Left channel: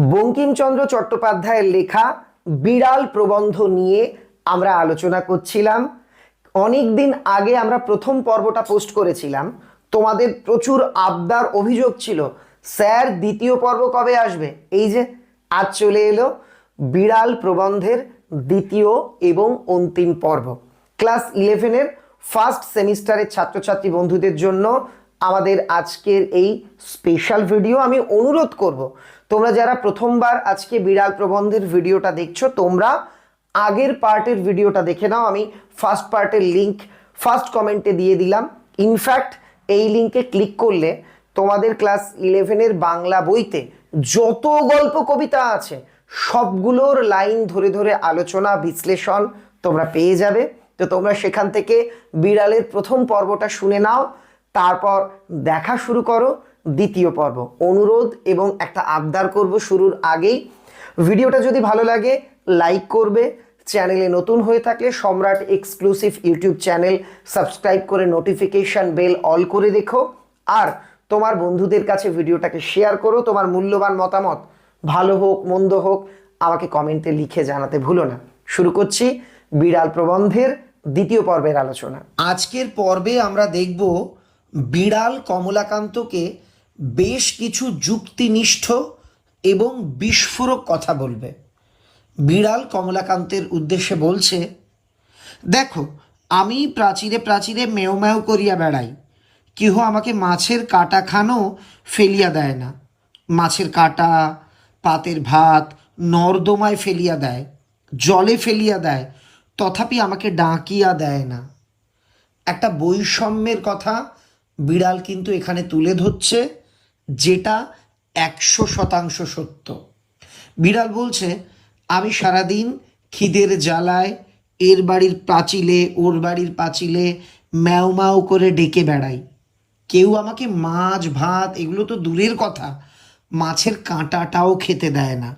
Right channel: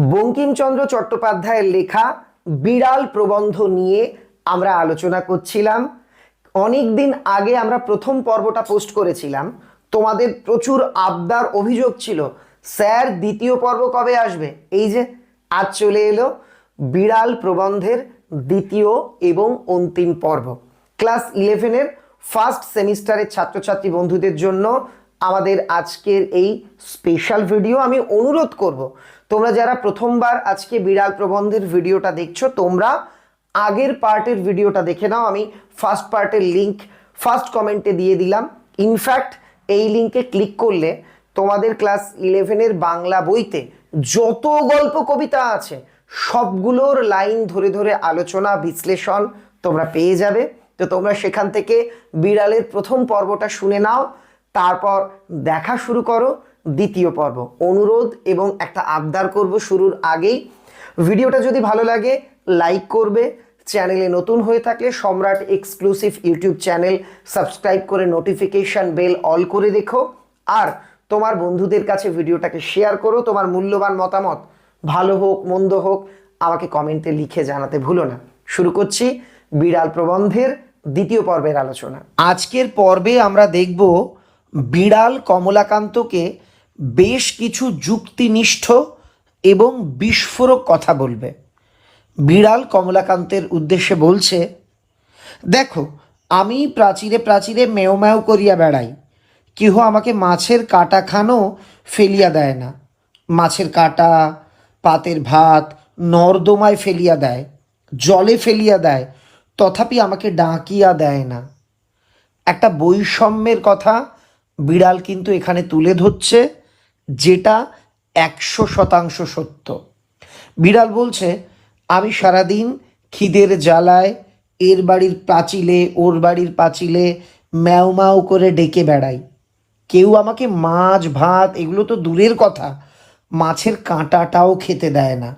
বঙ্কিমচন্দ্র চট্টোপাধ্যায়ের লেখা বিড়াল প্রবন্ধ নিয়ে আমরা আলোচনা করছিলাম। অনেক দিন আগে আমরা প্রথম পর্বটা পোস্ট করেছিলাম। তোমাদের প্রচুর আবদার অভিযোগ ছিল, স্যার, দ্বিতীয় পর্ব কবে আসবে? এই যে, আজ চলে এলো বিড়াল প্রবন্ধের দ্বিতীয় এবং অন্তিম পর্ব। ক্লাস ইলেভেনের ফার্স্ট সেমিস্টারের ছাত্রছাত্রী বন্ধুদের জন্য আমাদের আজকের এই স্পেশাল ভিডিও আমি অনুরোধ করব। তোমরা যারা প্রথমবার আজকে বিড়াল প্রবন্ধের ভিডিওটা দেখছ, তোমরা আগের পার্টের ভিডিওটা দেখে নাও। আমি ফার্স্ট পার্টের লিংক ফার্স্ট কমেন্টে দিয়ে দিলাম। ইনফ্যাক্ট এই লিংকে ক্লিক করলে তোমাদের ক্লাস ইলেভেনের বাংলা বইতে যত গল্প কবিতা আছে, সবগুলোর লাইন ধরে ধরে আলোচনা, বিশ্লেষণ তোমরা পেয়ে যাবে। তো তোমরা সেখান থেকে বিড়ালের প্রথম পর্বটা শুনে নাও। তারপর দেখা শুরু করো দ্বিতীয় পর্ব। অনুরোধ এবং একটা আবদার করব শুরুর আগেই। ভিডিওটা যদি ভালো লাগে, লাইক করবে। চ্যানেলে নতুন হয়ে থাকলে Samrat exclusive YouTube channel subscribe করে নোটিফিকেশন বেল অল করে দেখো আর তোমার বন্ধুদের কাছে ভিডিওটাকে শেয়ার করো, তোমার মূল্যবান মতামত। ভালো হোক, মন্দ হোক, আমাকে কমেন্টে লিখে জানাতে ভুলো না। শুরু করছি বিড়াল প্রবন্ধের দ্বিতীয় পর্বের আলোচনা। আজকের পর্বে আমরা দেখব বিড়াল কমলাকান্তকে বেশ কিছু যুক্তিনিষ্ঠ এবং বিস্ফোরক কথা বলবে। বিড়াল কমলাকান্তের উদ্দেশ্যে বলছে, দেখো, আমি প্রাচীরে প্রাচীরে মেও ম্যাও করিয়া বেড়াই। কেহ আমাকে মাছের কাটা খানো ফেলিয়া দেয় না। মাছের কাটা, পাতের ভাত, নর্দমায় ফেলিয়া দেয়, জলে ফেলিয়া দেয়, তথাপি আমাকে ডাকিয়া দেয় না। একটা বৈষম্যের কথা বিড়াল কিন্তু এখানে তুলে ধরছে, যেটা একশো শতাংশ সত্য। বিড়াল বলছে, আমি সারাদিন খিদের জ্বালায়, এর বাড়ির পাঁচিলে, ওর বাড়ির পাঁচিলে ম্যাও ম্যাও করে ডেকে বেড়াই। কেউ আমাকে মাছ, ভাত, এগুলো তো দূরের কথা, মাছের কাঁটাটাও খেতে দেয় না।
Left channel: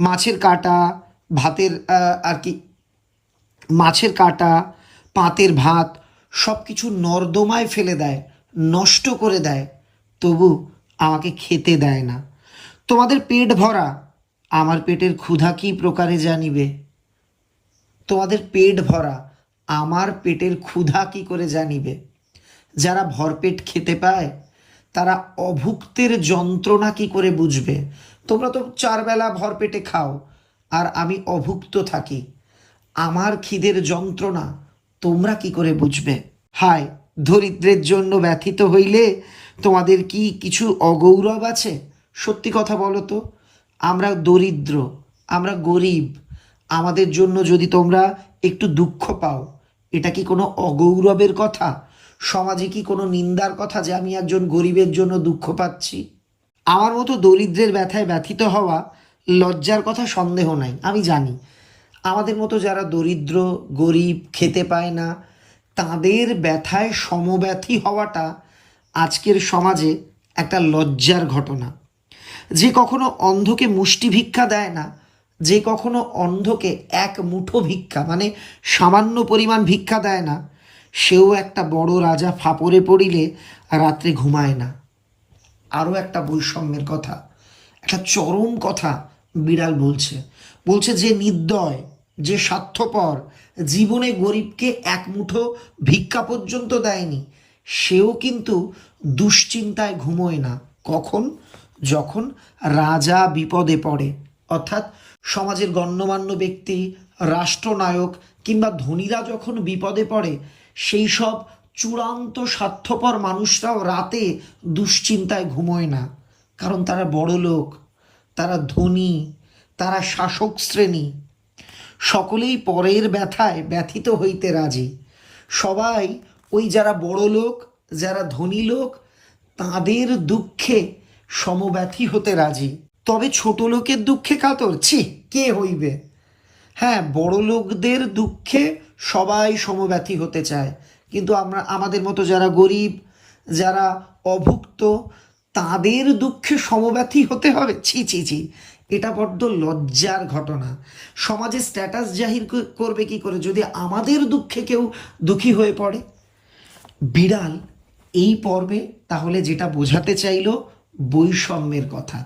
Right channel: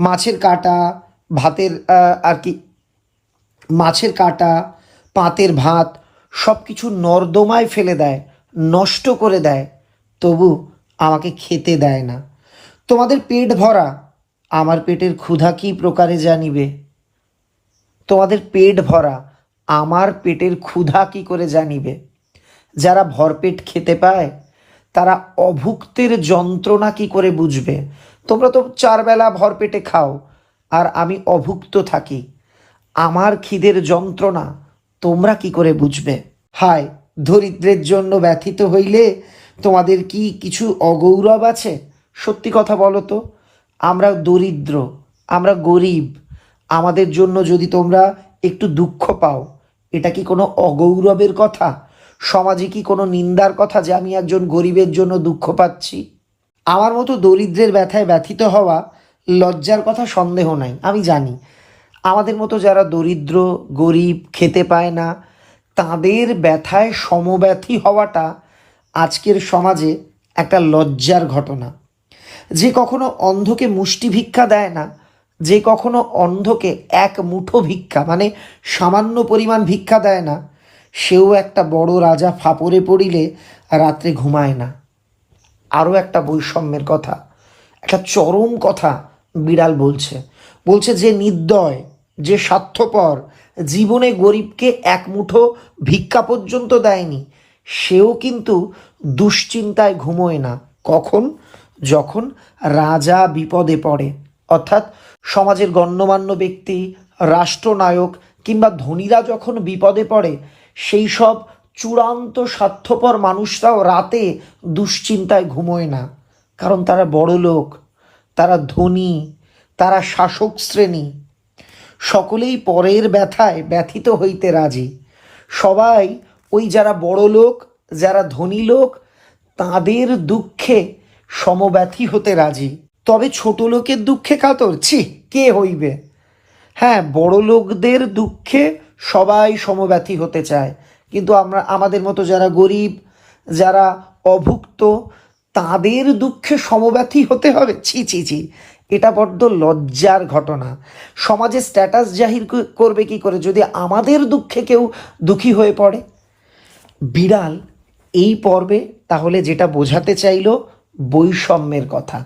মাছের কাঁটা, ভাতের আর কি, মাছের কাঁটা, পাতের ভাত সব কিছু নর্দমায় ফেলে দেয়। নষ্ট করে দেয়, তবু আমাকে খেতে দেয় না। তোমাদের পেট ভরা, আমার পেটের ক্ষুধা কী প্রকারে জানিবে? তোমাদের পেট ভরা, আমার পেটের ক্ষুধা কি করে জানিবে? যারা ভরপেট খেতে পায়, তারা অভুক্তের যন্ত্রণা কি করে বুঝবে? তোমরা তো চারবেলা ভরপেটে খাও, আর আমি অভুক্ত থাকি। আমার খিদের যন্ত্রণা তোমরা কি করে বুঝবে? হায় দরিদ্রের জন্য ব্যথিত হইলে তোমাদের কি কিছু অগৌরব আছে? সত্যি কথা বলো তো, আমরা দরিদ্র, আমরা গরিব, আমাদের জন্য যদি তোমরা একটু দুঃখ পাও, এটা কি কোনো অগৌরবের কথা? সমাজে কি কোনো নিন্দার কথা যে আমি একজন গরিবের জন্য দুঃখ পাচ্ছি? আমার মতো দরিদ্রের ব্যথায় ব্যথিত হওয়া লজ্জার কথা সন্দেহ নাই, আমি জানি। আমাদের মতো যারা দরিদ্র, গরিব, খেতে পায় না তাদের ব্যথায় সমব্যথী হওয়াটা আজকের সমাজে একটা লজ্জার ঘটনা। যে কখনো অন্ধকে মুষ্টি ভিক্ষা দেয় না, যে কখনো অন্ধকে এক মুঠো ভিক্ষা মানে সামান্য পরিমাণ ভিক্ষা দেয় না, সেও একটা বড় রাজা ফাপড়ে পড়িলে রাত্রে ঘুমায় না। আরও একটা বৈষম্যের কথা, একটা চরম কথা বিড়াল বলছে। বলছে যে নির্দয়, যে স্বার্থপর জীবনে গরিবকে এক মুঠো ভিক্ষা পর্যন্ত দেয়নি। সেও কিন্তু দুশ্চিন্তায় ঘুমোয় না। কখন? যখন রাজা বিপদে পড়ে। অর্থাৎ সমাজের গণ্যমান্য ব্যক্তি, রাষ্ট্রনায়ক কিংবা ধনীরা যখন বিপদে পড়ে, সেই সব চূড়ান্ত স্বার্থপর মানুষরাও রাতে দুশ্চিন্তায় ঘুমোয় না। কারণ তারা বড় লোক তারা ধনী, তারা শাসক শ্রেণি সকলেই পরের ব্যথায় ব্যথিত হইতে রাজি। সবাই ওই যারা বড় লোক, যারা ধনী লোক, তাদের দুঃখে সমব্যথী হতে রাজি। তবে ছোট লোকের দুঃখে কাতর? ছি, কে হইবে? হ্যাঁ বড় লোকদের দুঃখে সবাই সমব্যথী হতে চায়। কিন্তু আমরা, আমাদের মতো যারা গরিব, যারা অভুক্ত, তাদের দুঃখে সমব্যথী হতে হবে? ছি ছি ছি। এটা বড্ড লজ্জার ঘটনা। সমাজে স্ট্যাটাস জাহির করবে কি করে? যদি আমাদের দুঃখে কেউ দুঃখী হয়ে পড়ে? বিড়াল, এই পর্বে তাহলে যেটা বোঝাতে চাইলো বৈষম্যের কথা।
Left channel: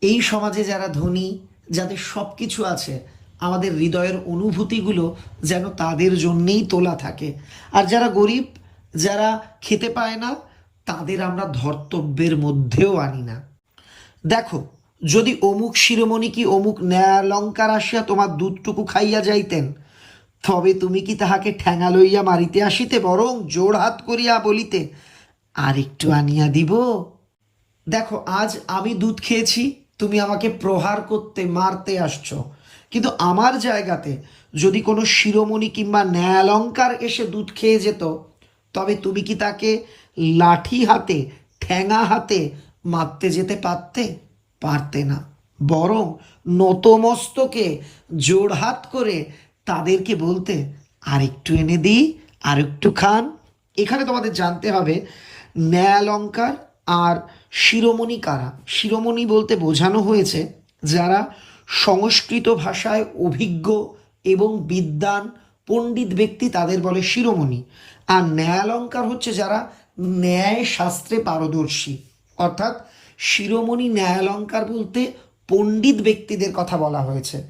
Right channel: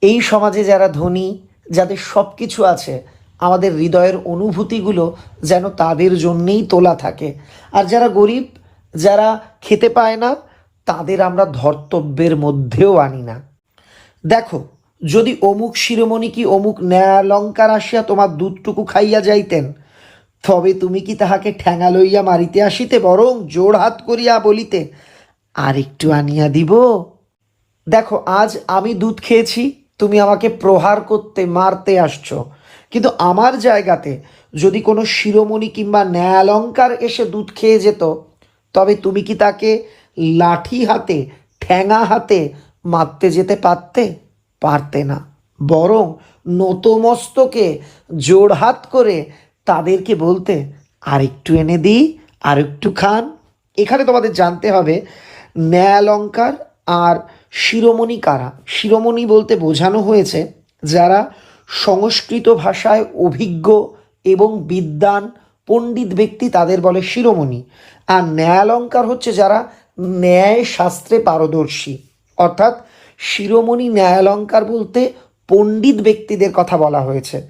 এই সমাজে যারা ধনী, যাদের সব কিছু আছে, আমাদের হৃদয়ের অনুভূতিগুলো যেন তাদের জন্যেই তোলা থাকে। আর যারা গরিব, যারা খেতে পায় না, তাদের আমরা ধর্তব্যের মধ্যেও আনি না। দেখো যদি অমুক শিরোমণি কি অমুক ন্যায়ালঙ্কার আসিয়া তোমার দুধটুকু খাইয়া যাইতেন, তবে তুমি কি তাহাকে ঠ্যাঙা লইয়া মারিতে আসিতে বরং জোড় হাত করিয়া বলিতে আর একটু আনিয়া দিব? দেখো, আজ আমি দুধ খেয়েছি, তুমি আমাকে প্রহার করতে, মারতে আসছো। কিন্তু আমার জায়গাতে যদি কোনো শিরোমণি কিংবা ন্যায়ালঙ্কার এসে দুধ খেয়ে যেত, তবে তুমি কি তাকে লাঠি হাতে ঠ্যাঙা হাতে মারতে যেতে পারতে? পারতে না। বরং নতমস্তকে জোড়হাত করে তাদেরকে বলতে আর একটু এনে দিই আর একটু খান। এখানে তোমাদের জানতে হবে, ন্যায়ালঙ্কার আর শিরোমণি কারা? শিরোমণি বলতে বোঝানো হয়েছে যারা সংস্কৃত ভাষায় অভিজ্ঞ এবং বিদ্বান পণ্ডিত ব্যক্তি, তাদের বলে শিরোমণি। আর ন্যায়ালঙ্কার হচ্ছে যারা ন্যায় শাস্ত্রে পারদর্শী। অর্থাৎ শিরোমণি ন্যায়ালঙ্কার বলতে পণ্ডিত ব্যক্তিদের কথা বলা হয়েছে।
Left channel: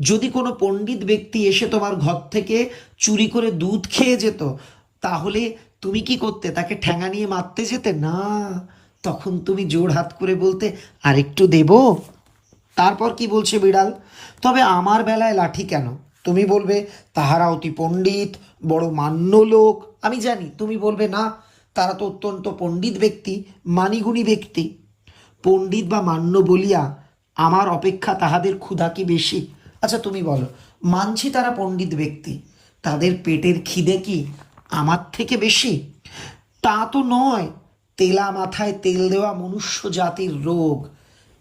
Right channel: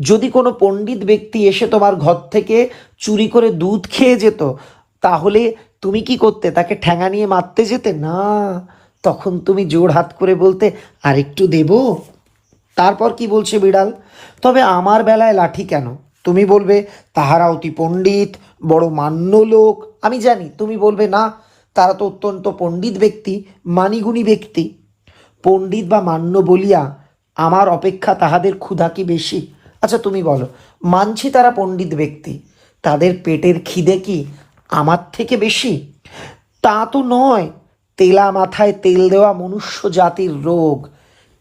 যদি কোনো পণ্ডিত ব্যক্তি এসে তোমার ঘর থেকে চুরি করে দুধ খেয়ে যেত, তাহলে তুমি কি করতে? তাকে ঠ্যাঙা নিয়ে মারতে যেতে? না। তখন তুমি জোর হাত করে বলতে আর একটু দেবো? তারপর কি বলছে বিড়াল? তবে আমার বেলায় লাঠি কেন? তুমি বলবে, তাহারা অতি পণ্ডিত, বড় মান্য লোক। আমি জানি, তুমি বলবে, না, তারা তো অত্যন্ত পণ্ডিত ব্যক্তি, মানিগুণী ব্যক্তি। পণ্ডিত বা মান্য বলিয়া আমার অপেক্ষা তাহাদের ক্ষুধা কি বেশি? আচ্ছা তুমি বলো, মানছি তারা পণ্ডিত ব্যক্তি, তাদের পেটের খিদে কি আমার থেকে বেশি? তা তো নয়, তেলা মাথায় তেল দেওয়া মনুষ্য জাতির রোগ।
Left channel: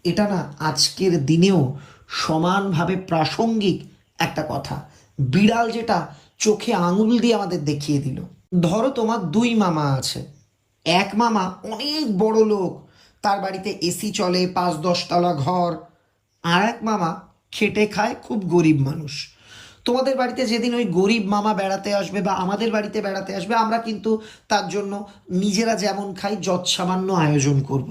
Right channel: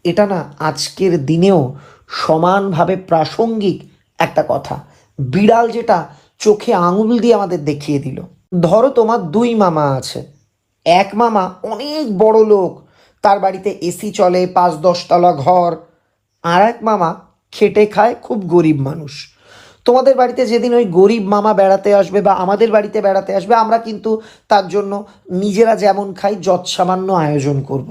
এটা না আজকের দিনেও সমানভাবে প্রাসঙ্গিক একটা কথা। বিড়াল যেটা চোখে আঙুল দিয়ে আমাদের দেখিয়ে দিল। ধরো তোমার দুই মামা আছে। এক মামা অনেক বড় লোক তার বাড়িতে এসি চলে, পাঁচ দশতলা ঘর। আর এক মামা খেটে খায় খুব গরিব মানুষ। তোমাদের বাড়িতে যেদিন ওই গরিব মামা বেড়াতে আসবে বা আমাদের বাড়িতে বেড়াতে আসবে, আমরা কিন্তু তার জন্য নিজেরা যেমন খাই, যৎসামান্য আয়োজন করব।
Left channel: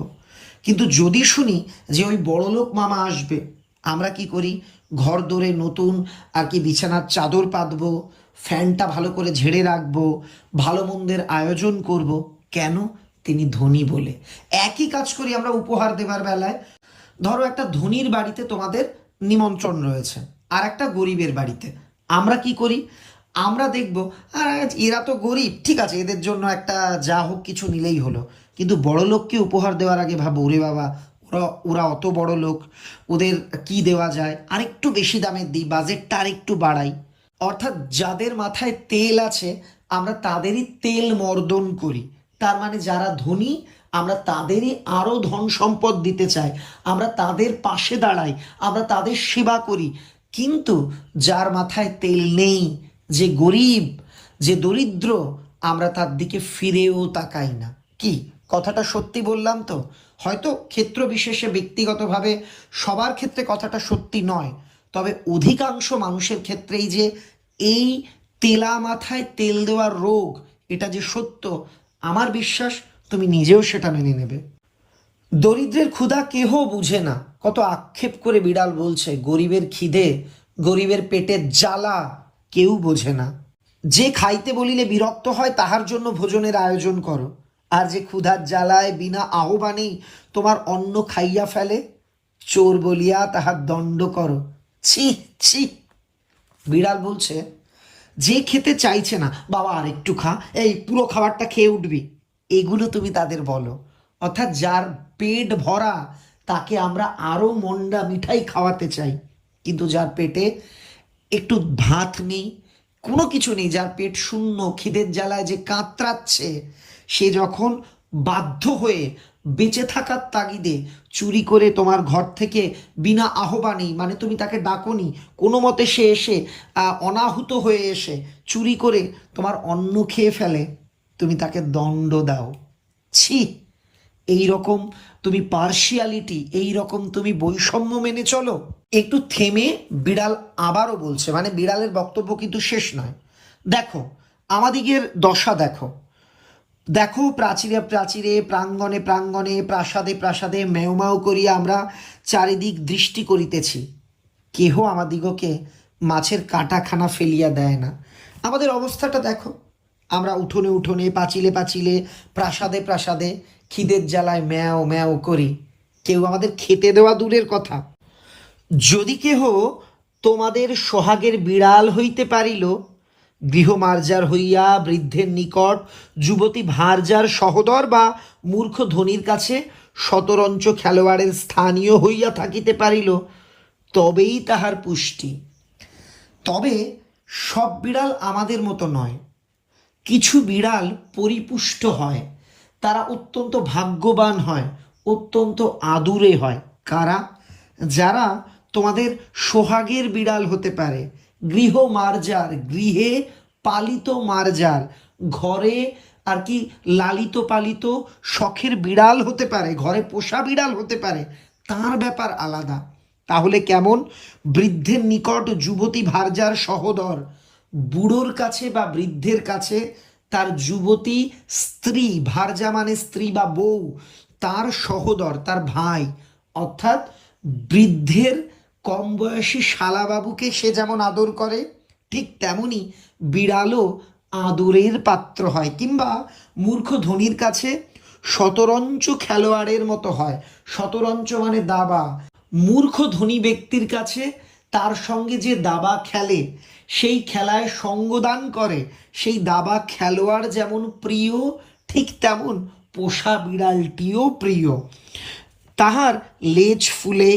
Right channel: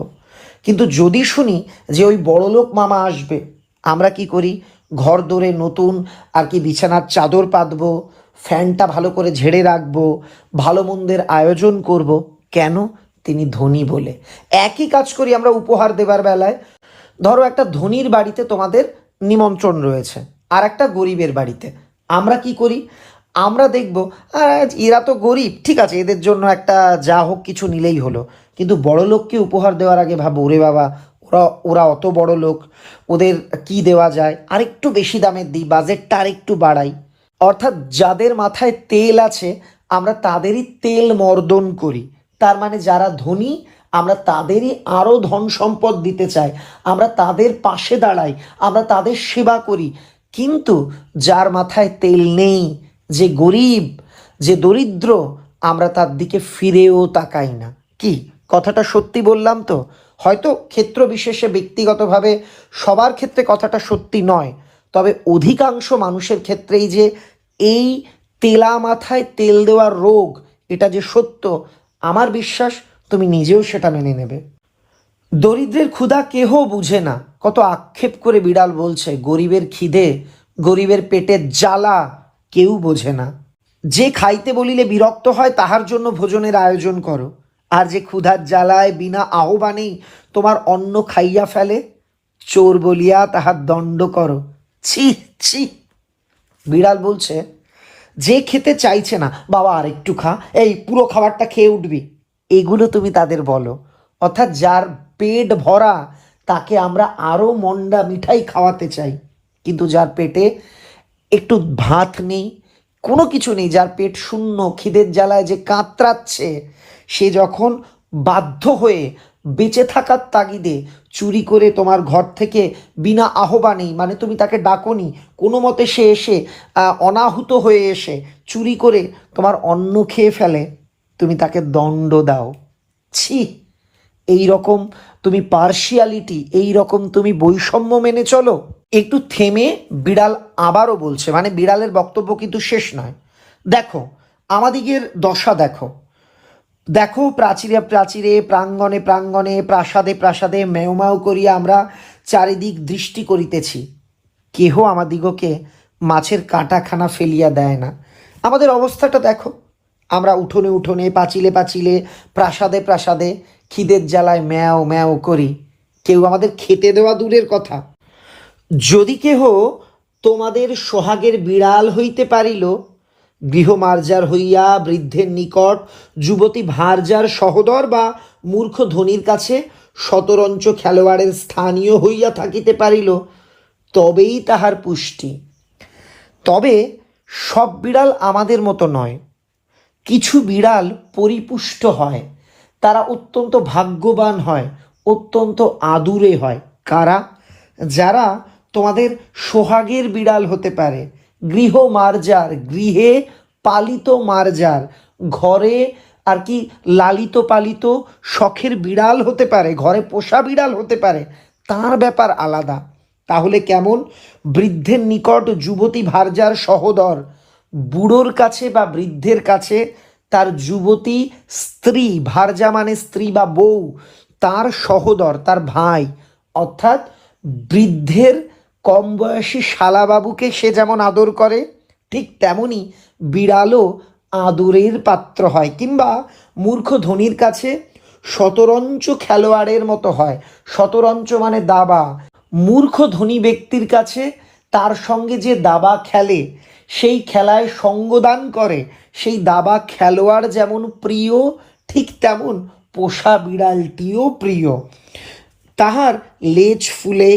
কিন্তু যদি শুনি যে ওই বড়লোক মামা আসবে, আমরা কি করি? ঘর দৌড়ে নতুন আর কি বিছানার চাদর পাতবো, ফ্যানটা ভালো করে ঝেড়ে রাখব, ভালো মন্দের আয়োজন করব। কেন? তিনি ধনী বলে। একই কাজ করি আমরা উপহার দেবার বেলায়। ধরো একটা ধনীর বাড়িতে তোমাদের নিমন্ত্রণ রয়েছে, আর একটা গরিবের বাড়িতে। আমরা কি করি? আমরা দেখব, আর এরা তো গরিব, ঠিক আছে, এদের জন্য একটা যা হোক কিছু নিলেই হলো। কিন্তু বড় লোককে উপহার দেওয়ার আগে ভাবো, ওরে বাবা, ওরা ওরা অত বড় লোক, ওদের কি দেওয়া যায়? আরেকটু বেশি দামের দিই, বাজেটটা আরেকটু বাড়াই। অর্থাৎ যাদের মাথায় তেল আছে, আমরা তাদেরই তেল মর্দন করি। তার মানে যারা ধনী, আমরা তাদেরই আরও ধন সম্পদ দিতে চাই। আমরা তাদের পাশে দাঁড়াই, আমরা তাদের সেবা করি। কিন্তু যার মাথায় তেল নেই, যে গরিব, যে দরিদ্র, আমরা তার দিকে ফিরেও তাকাই না। কি? কথাটা সত্যি বললাম তো? হয়তো ক্ষেত্র বিশেষে ব্যক্তিগতভাবে সবার ক্ষেত্রে কথাটা সত্যি নয়, তবে অধিকাংশ মানুষের ক্ষেত্রেই যে এই তেলা মাথায় তেল দেওয়ার রোগ, এটা যে সত্য আমার বিশ্বাস তুমি নিজেও সেটা মেনে নেবে। দরিদ্রের ক্ষুধা কেহ বুঝে না। কত আক্ষেপ করে বিড়াল বলছে, গরিবের খিদে, গরিবের পেটের জ্বালা কেউ বোঝে না। যে খাইতে বলিলে বিরক্ত হয়, তাহার জন্য ভোজনের আয়োজন করো। আর যে ক্ষুধার জ্বালায় বিনা আহ্বানেই তোমার অন্ন খাইয়া ফেলে, চোর বলিয়া তাহার দণ্ড করো। ছি ছি। বিড়াল বলছে যে খেতে চাইছে না, বাবা, আর একটু খা, এই পুরো খাবারটা খেয়ে উঠবি। এগুলো তুমি তাদের বলো। অর্থাৎ যার পেট ভরা, তাকে আমরা আরও মন্ডা মিঠাই খাওয়াতে চাই। কিন্তু যার পেটে একটু ভাত নেই, কোনো কিছু নেই, যার পেট শূন্য, খিদের জ্বালায় যে কাঁতরাচ্ছে, সে যখন বাধ্য হয়ে বেঁচে থাকার তাগিদে চুরি করে তোমার ঘর থেকে বিনা আহ্বানেই মানে তুমি তাকে ডাকনি, কোনো মতে সে এসে অনাহুত হয়ে এসে চুরি করে তোমার অন্ন খেয়ে ফেলে, তুমি তাকে দণ্ড দাও। ছি, এই রকম তুমি পার্শিয়ালিটি এই রকম তুমি বৈষম্য মেনে চলো। একটু থেমে বিড়াল আবারও বলছে মানে বিড়ালের বক্তব্য কিন্তু শেষ নয়। দেখো, আমাদিগের দশা দেখো। দেখো প্রাচীরে প্রাচীরে, প্রাঙ্গণে প্রাঙ্গণে, প্রাসাদে প্রাসাদে মেউমাউ করিয়া আমরা চারিদিক দৃষ্টি করিতেছি। কেহ আমাদিগকে মাছের কাঁটাখানা ফেলিয়া দেয় না। আমাদের অবস্থাটা দেখো। আমরা উঠোনে উঠোনে, পাঁচিলে পাচিলে, প্রাসাদে প্রাসাদে খিদের জ্বালায় ম্যাও ম্যাও করি। কেউ আমাদের খেতে দেওয়া দূরের কথা। যদি কেহ তোমাদের সোহাগের বিড়াল হইতে পারিল গৃহমার্জার হইয়া বৃদ্ধের নিকট যুবতী ভার্যার সহদর বা মূর্খ ধনির কাছে শতরঞ্চ খেলোয়াড়ের স্থানীয় হইয়া থাকিতে পারিল, তবেই তাহার পুষ্টি। তবে সব বিড়াল আমাদের মতো নয়। কিছু বিড়াল পরিপুষ্ট হয়, তারা অত্যন্ত ভাগ্যবান হয়, অত্যন্ত আদুরে হয়। কারা? যারা তোমাদের সোহাগের বিড়াল হতে পারে গৃহ মার্জার গৃহে পালিত মার্জার, ঘরে আর কি লালিত পালিত শখের বিড়াল হতে পারে, ঘরে পোষা বিড়াল হতে পারে, তার ব্যাপার আলাদা। তাহলে কেমন? বৃদ্ধের নিকট যুবতী ভার্যার সহদর, বুড়োর কাছে বা বৃদ্ধের কাছে তার যুবতী স্ত্রী ভার্যা মানে স্ত্রী বা বউ, তার সহদর, তার ভাই, অর্থাৎ বৃদ্ধের কম বয়সী শালাবাবুকে সে যেমন আদর করে, ঠিক তেমনি বিড়ালও আদরের পাত্র হয়। কিংবা মূর্খ ধনির কাছে শতরঞ্চ খেলোয়াড়ের মতো হয়। শতরঞ্চ মানে দাবা। মূর্খ ধনী ব্যক্তির কাছে তার সঙ্গে যে দাবা খেলে, সেই খেলায় সঙ্গদান করে। সেই দাবা খেলোয়াড় যেমন প্রিয়, ঠিক তেমন পোষা বিড়ালটিও প্রিয়। তাহার লেজ ফুলে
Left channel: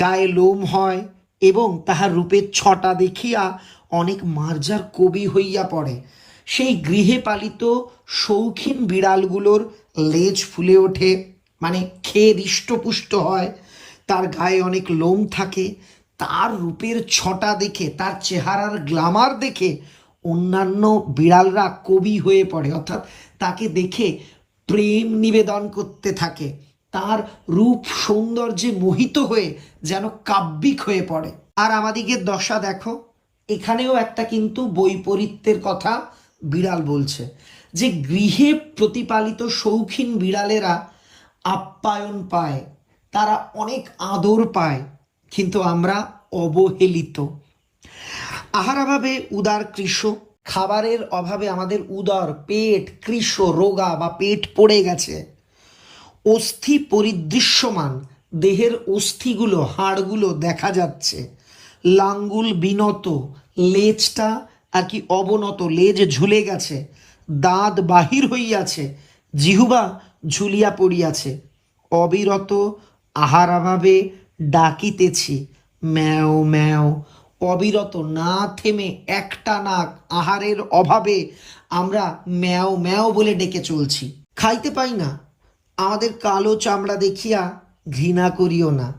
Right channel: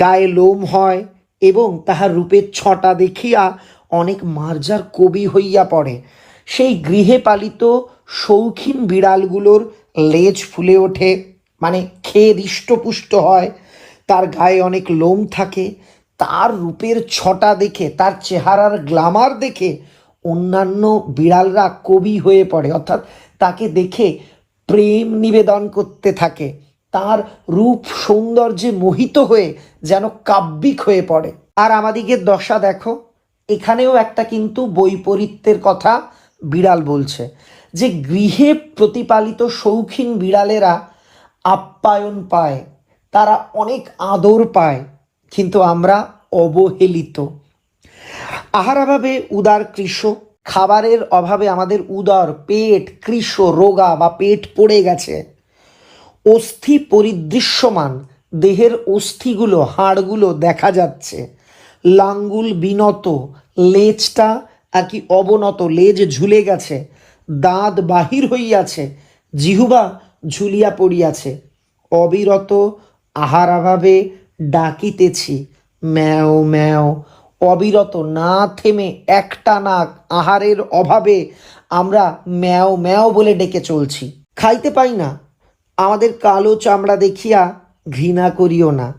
গায়ে লোম হয় এবং তাহার রূপের ছটা দেখিয়া অনেক মার্জার কবি হইয়া পড়ে। সেই গৃহে পালিত শৌখিন বিড়ালগুলোর লেজ ফুলে ওঠে মানে খেয়ে হৃষ্টপুষ্ট হয়। তার গায়ে অনেক লোম থাকে, তার রূপের ছটা দেখে, তার চেহারার গ্লামার দেখে অন্যান্য বিড়ালরা কবি হয়ে পড়ে, অর্থাৎ তাকে দেখে প্রেম নিবেদন করতে থাকে। তার রূপ সৌন্দর্যে মোহিত হয়ে যেন কাব্যিক হয়ে পড়ে। আর আমাদিকে দশা দেখো, এখানেও একটা কিন্তু বৈপরীত্যের কথা বিড়াল বলছে, যে গৃহে প্রতিপালিত শৌখিন বিড়ালেরা আপ্যায়ন পায়, তারা অনেক আদর পায়, কিন্তু আমরা অবহেলিত। আহারাভাবে উদার কৃষ, খাবারের অভাবে আমাদের উদর, পেট, কৃষ, রোগা বা পেট পড়ে গেছে। অস্থি পরিদৃশ্যমান। দেহের অস্থিগুলো, হাড়গুলো দেখা যাচ্ছে। লাঙ্গুল বিনত, লেজটা আর কি অবনত, লেজ ঝুলে গেছে। দাঁত বাহির হইয়াছে, জিহুবা ঝুলিয়া পড়িয়াছে। অবিরত আহারাভাবে ডাকিতেছি, ম্যাও ম্যাও। অবিরত না থেমে একটা নাক আহারের অভাবে আমরা ম্যাও ম্যাও বলে ডেকে চলছি। খাইতে পাই না। আমাদের কালো চামড়া দেখিয়া ঘৃণা করিও না।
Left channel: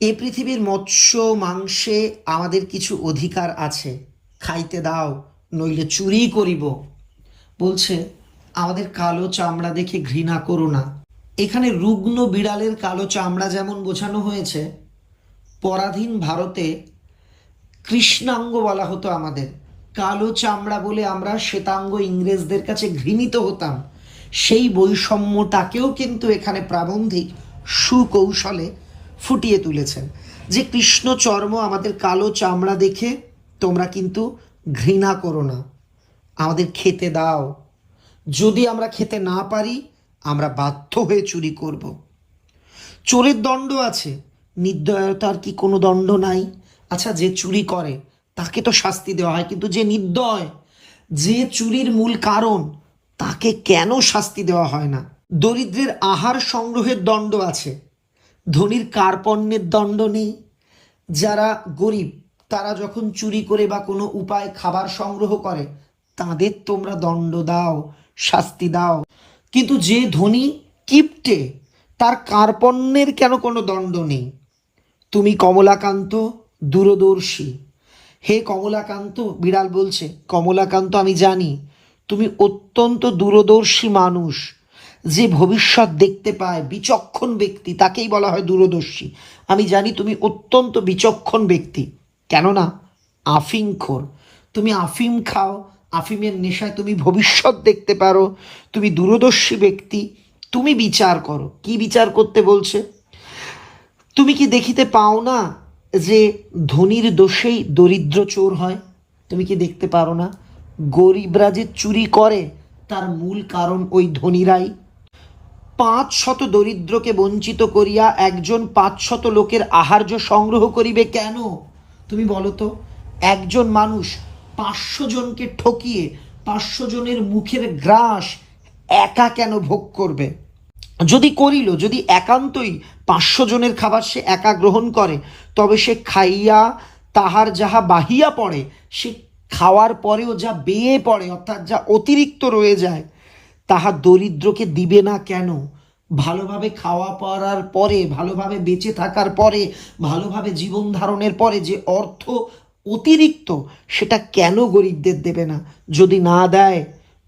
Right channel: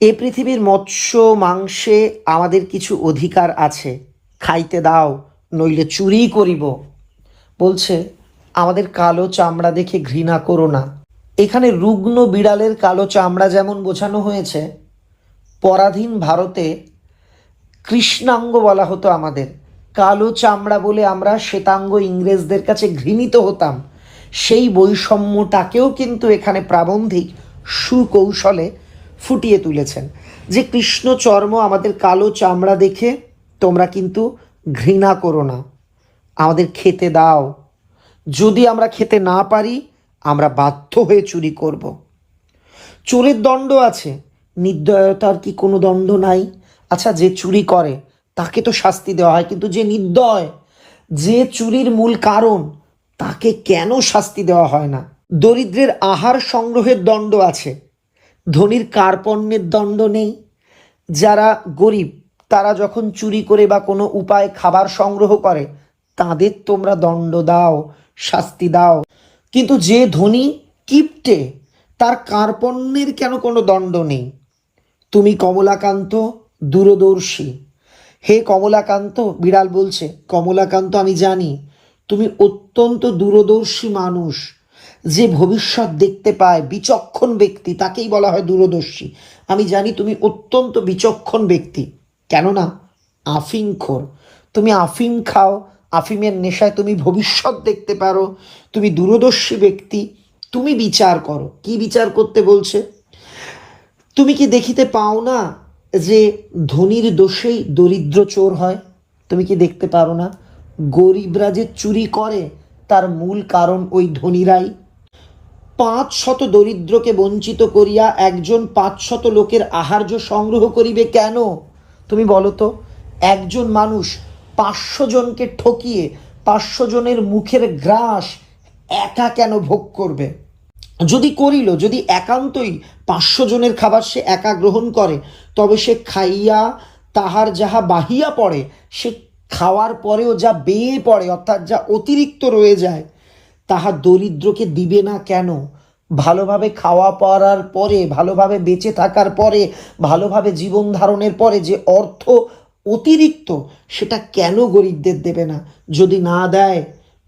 এ পৃথিবীর মৎস্য, মাংসে আমাদের কিছু অধিকার আছে। খাইতে দাও, নইলে চুরি করিব। বলছে, আমাদের কালো চামড়া দেখে ঘৃণা করো না। এখানে রুগ্ন বিড়ালের কালো চামড়া যেমন বোঝানো হয়েছে, পরাধীন ভারতে কৃষ্ণাঙ্গ বলা হতো আমাদের। কালো চামড়া বলে আমরা শ্বেতাঙ্গ ইংরেজদের কাছে ঘৃণিত হতাম। সেই বৈষম্যটাকেও কিন্তু এখানে প্রাবন্ধিক সুকৌশলে ফুটিয়ে তুলেছেন। যে কৃষ্ণ চর্ম আমাদের কালো চামড়া দেখে তোমরা কিন্তু ঘৃণা করো না। আমাদের খেতে দাও। যদি আমরা খেতে না পারি, আমরা বাধ্য হয়ে চুরি করব। চোরের দণ্ড আছে। নির্দয়তার কি কোনো দণ্ড নাই? আচ্ছা যে চুরি করে, তাকে তো শাস্তি দেওয়া হয়। কিন্তু যে নির্দয়, যে চুরির মূল কারণ তাকে কেন শাস্তি দেওয়া হয় না? দরিদ্রের আহার সংগ্রহের দণ্ড আছে। ধনীর কার্পণ্যের দণ্ড নেই। যারা গরিব, তারা যখন চুরি করে বা কোনো উপায় খাবার সংগ্রহ করে, তাদের তোমরা দণ্ড দাও, শাস্তি দাও। কিন্তু যে ধনী কিপটে, তার কার্পণ্যের কেন কোনো দণ্ড নেই? তুমি কমলাকান্ত দূরদর্শী। হে কমলাকান্ত, বিড়াল বলছে, কমলাকান্ত, আমি জানি তুমি অত্যন্ত দূরদর্শী মানুষ। যে ভবিষ্যৎ দেখতে পায় বিচক্ষণ ব্যক্তি, তাকেই বলা হয় দূরদর্শী। আমি জানি তুমি অত্যন্ত বিচক্ষণ ব্যক্তি। কেননা আফিমখোর তুমি আফিম খাও, আফিমের নেশায় তুমি ভবিষ্যৎ দেখতে পারো। তুমি দূরদর্শী ব্যক্তি, তুমি বিচার করো। কি বিচার করতে বলছে? তুমি কি দেখিতে পাও না যে ধনীর দোষেই দরিদ্র চোর হয়? তুমি কি দেখতে পারো না? গরিবরা যে চুরি করে, তার মূল কারণ ওই ধনীরাই। পাঁচ শত দরিদ্রকে বঞ্চিত করিয়া একজন পাঁচ শত লোকের আহার্য সংগ্রহ করিবে কেন? তুমি বলো তো, একজন মানুষ পাঁচশো জনকে ঠকিয়ে পাঁচশো জনের মুখের গ্রাস একা কেন ভোগ করবে? যদি করিল, যদি একান্তই পাঁচশো জনের খাবার সে একা গ্রহণ করে, তবে সে খাইয়া তাহার যাহা বাহিয়া পড়ে, সে খাওয়ার পরেও যা বেয়ে পড়ে, অর্থাৎ যা অতিরিক্ত রয়ে যায়, তাহা দরিদ্রকে দিবে না কেন? ভালোভাবে খাওয়া পড়ার পরে, ভালোভাবে বেঁচে থাকার পরে, ভালোভাবে জীবন ধারণের পরে যে অর্থ অতিরিক্ত, সেটা কেন গরিবদের দেবে না? যদি না দেয়,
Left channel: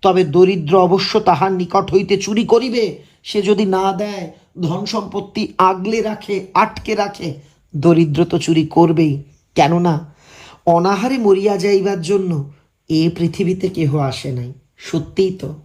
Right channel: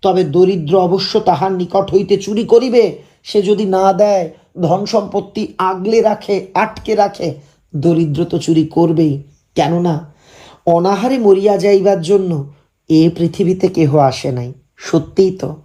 তবে দরিদ্র অবশ্য তাহার নিকট হইতে চুরি করিবে। সে যদি না দেয়, ধন সম্পত্তি আগলে রাখে, আটকে রাখে, দরিদ্র তো চুরি করবেই। কেননা অনাহারে মরিয়া যাইবার জন্য এ পৃথিবীতে কেহ আসে নাই। সত্যিই তো,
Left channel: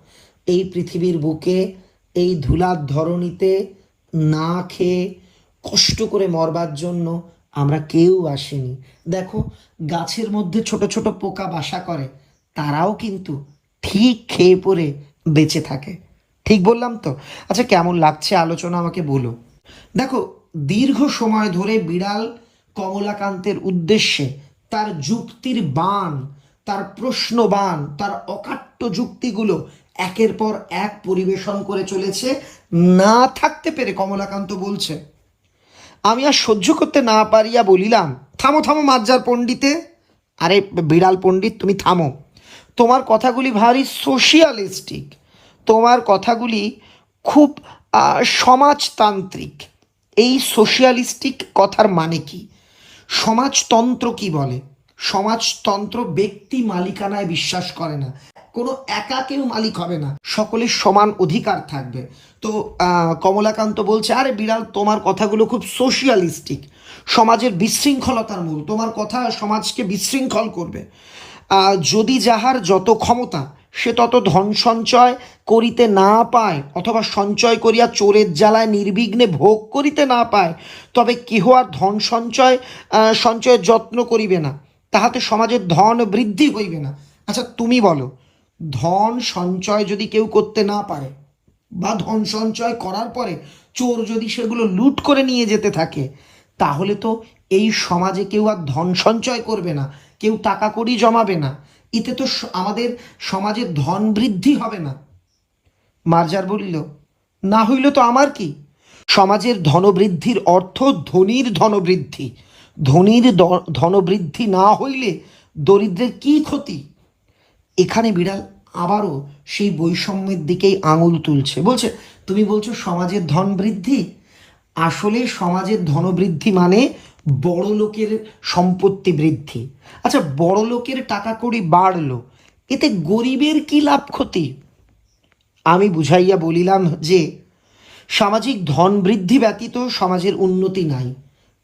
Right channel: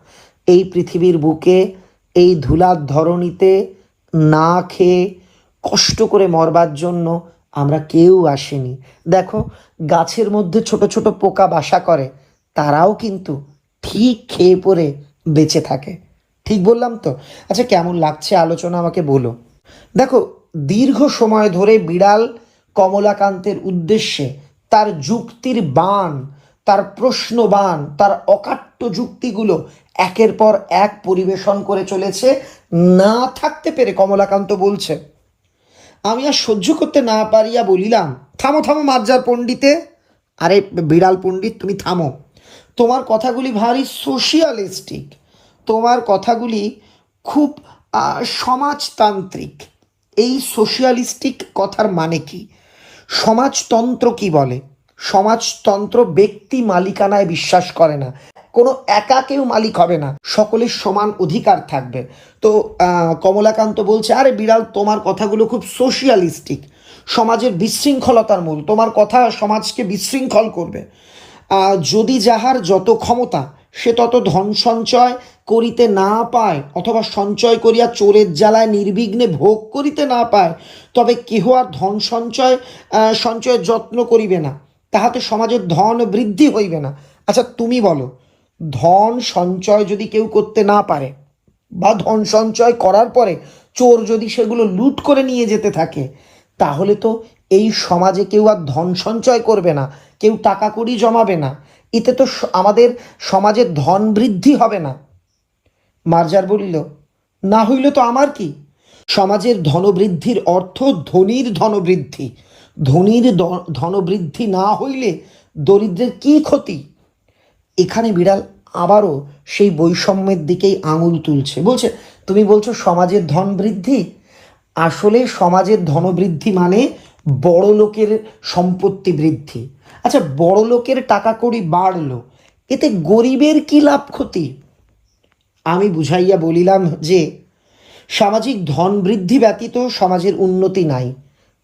এই পৃথিবীর বুকে, এই ধুলার ধরণীতে না খেয়ে কষ্ট করে মরবার জন্য আমরা কেউ আসিনি। দেখো, গাছের মধ্যে ছোট ছোট পোকা বাসা করে, তারাও কিন্তু ঠিক খেয়ে পরে বেঁচে থাকে। ঠিক বললাম তো? আচ্ছা কেমন লাগছে আলোচনা আমাকে বলো। দেখো, দীর্ঘ সময় ধরে বিড়াল কমলাকান্তের উদ্দেশ্যে তার যুক্তির বান তার প্রশ্ন বান তার অকাট্য যুক্তিগুলো একের পর এক পরিবেশন করে চলেছে। না থাকতে পেরে কমলাকান্ত বলছে, আমি আর সহ্য করতে না পারিয়া বলিলাম, থামো থামো মাজ্জার পণ্ডিতে। আরে বিড়াল পণ্ডিত, তুমি থামো। তোমার কথাগুলি ভারী সোশিয়ালিস্টিক। তোমার কথাগুলি খুব সমাজতান্ত্রিক। এই সোশিয়ালিস্টিক কথার মানে কি? সমাজতন্ত্র কি বলে? সমাজতন্ত্র ব্যক্তি মালিকানায় বিশ্বাস করে না। কোনো একা কেউ মালিক হবে না। সকলের সমান অধিকার থাকবে। তো কমলাকান্ত বলছে, আরে বিড়াল, তোমার কথাগুলো খুব সোশিয়ালিস্টিক সমাজের বিশৃঙ্খলতার মূল। তোমার কথা সমাজকে বিশৃঙ্খল করবে। যদি যাহার যত ক্ষমতা, সে তত ধন সঞ্চয় করিতে না পায়, অথবা সঞ্চয় করিয়া চোরের জ্বালায় নির্বিঘ্নে ভোগ করিতে না পায়, তবে কেহ আর ধন সঞ্চয় সঞ্চয়ের যত্ন করিবে না। তাহাতে সমাজের ধন বৃদ্ধি হইবে না। আচ্ছা তুমি বলো, ধন সঞ্চয় যদি কেউ করতে না পারে, বা ধন সঞ্চয় করার পরে চোর যদি সেগুলো লুট করে নিয়ে যেতে থাকে, তাহলে তো এই সমাজে কেউ আর ধন সঞ্চয় করবে না। কেউ টাকা কড়ি জমাবে না। এতে তো আমাদের সমাজের ধন বৃদ্ধি হবে না। মার্জার বলিল, না হইল তো আমার কি? সমাজের ধনবৃদ্ধির অর্থ ধনীর ধনবৃদ্ধি। ধনীর ধনবৃদ্ধি না হইলে দরিদ্রের কি ক্ষতি? এখানে বিড়াল আবারও সেই বৈষম্যের দিকেই আঙুল তুলছে। বলছে, তুমি বলছো সমাজের ধন বৃদ্ধি? আসলে সমাজের ধনবৃদ্ধি মানে বড় লোকের সম্পত্তি বৃদ্ধি। আচ্ছা বড় লোকের টাকা কড়ি বাড়লো, এতে গরিবের কি লাভ ক্ষতি? আমি বুঝাইয়া বলিলাম যে, সামাজিক ধন বৃদ্ধি ব্যতীত সমাজের উন্নতি নাই।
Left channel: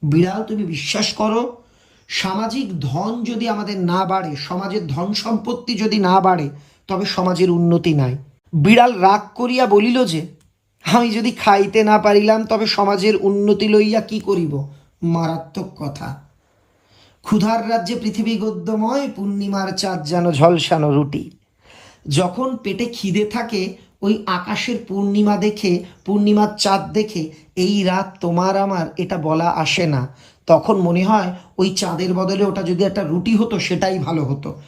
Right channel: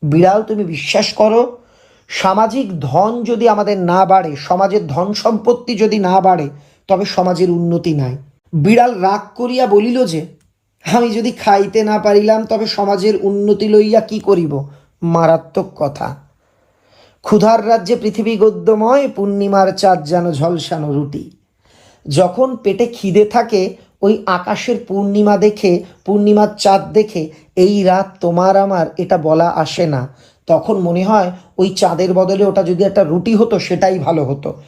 বিড়াল, তুমি বিশ্বাস করো, সামাজিক ধন যদি আমাদের না বাড়ে, সমাজের ধন সম্পত্তি যদি না বাড়ে, তবে সমাজের উন্নতি নাই। বিড়াল রাগ করিয়া বলিল যে, আমি যদি খাইতে না পারিলাম, তবে সমাজের উন্নতি লইয়া কি করিব? মারাত্মক কথা। ক্ষুধার রাজ্যে পৃথিবী গদ্যময়, পূর্ণিমার চাঁদ যেন ঝলসানো রুটি। যখন পেটে খিদে থাকে, ওই আকাশের পূর্ণিমা দেখে, পূর্ণিমার চাঁদ দেখে, এই রাত তোমার আমার, এটা বলা আসে না। তখন মনে হয়, ওই চাঁদের বদলে ওটা যদি একটা রুটি হতো, সেটাই ভালো হতো।